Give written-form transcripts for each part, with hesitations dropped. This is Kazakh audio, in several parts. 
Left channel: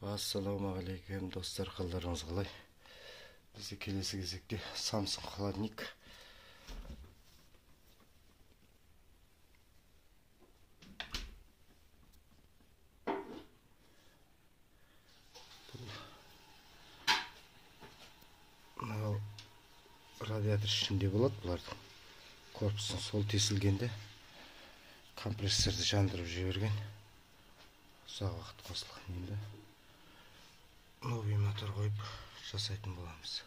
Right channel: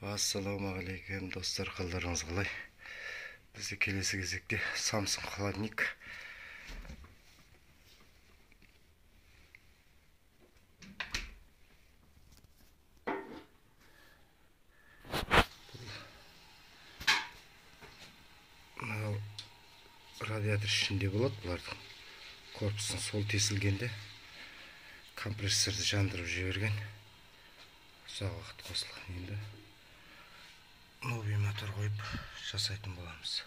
Ассалаумағалейкум достар, қалдарыңыз қалай? Бізде келесі кезекте Samsung холодильник. Мынау радиатор ішінде болады, бұлардың корпусын сол тесілгенде компрессорды жандырып жіберген. Ұзақ уақыт қосылған. Енді новый мотор қойып жасайтын боламыз.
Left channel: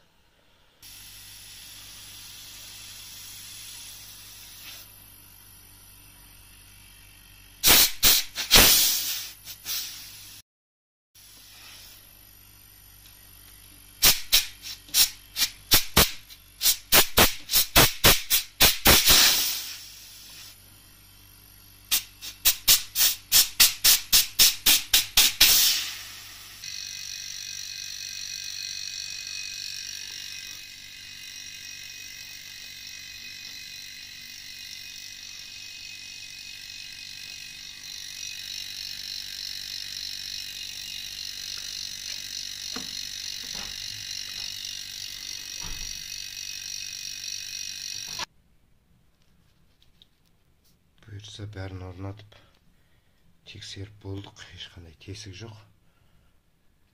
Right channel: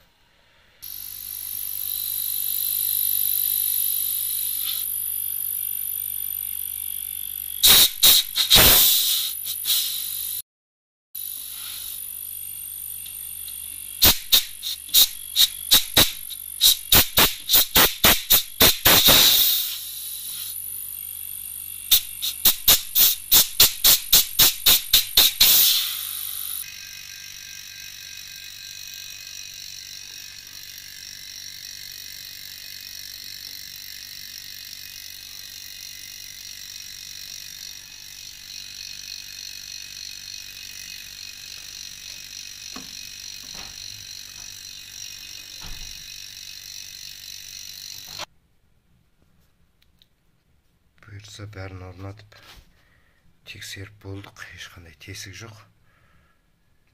Бұйыртса бәрін орнатып тексеріп болдық, ешқандай тесік жоқ.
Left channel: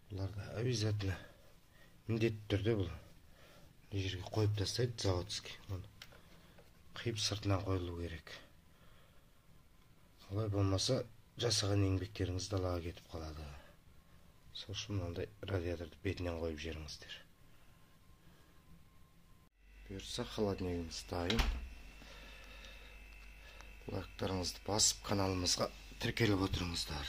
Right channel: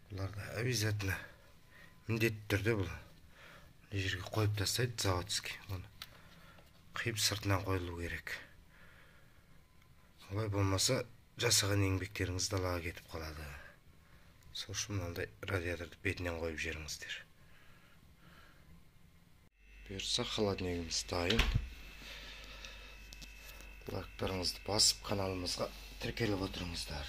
Бұларда обязательно міндетті түрде бұл жерге қойып тастайды заводский. Оны қиып сыртынан қойылу керек. Олай болмаса жасаған еңбектеріңіз далаға кетіп қалады. Сол үшін мынандай радиаторды бетінен қойып жеріңіздер. Бұйыртса холодильнигіміз дайын. Лайктарыңызды басып каналымызға тіркеліп отырыңыздар.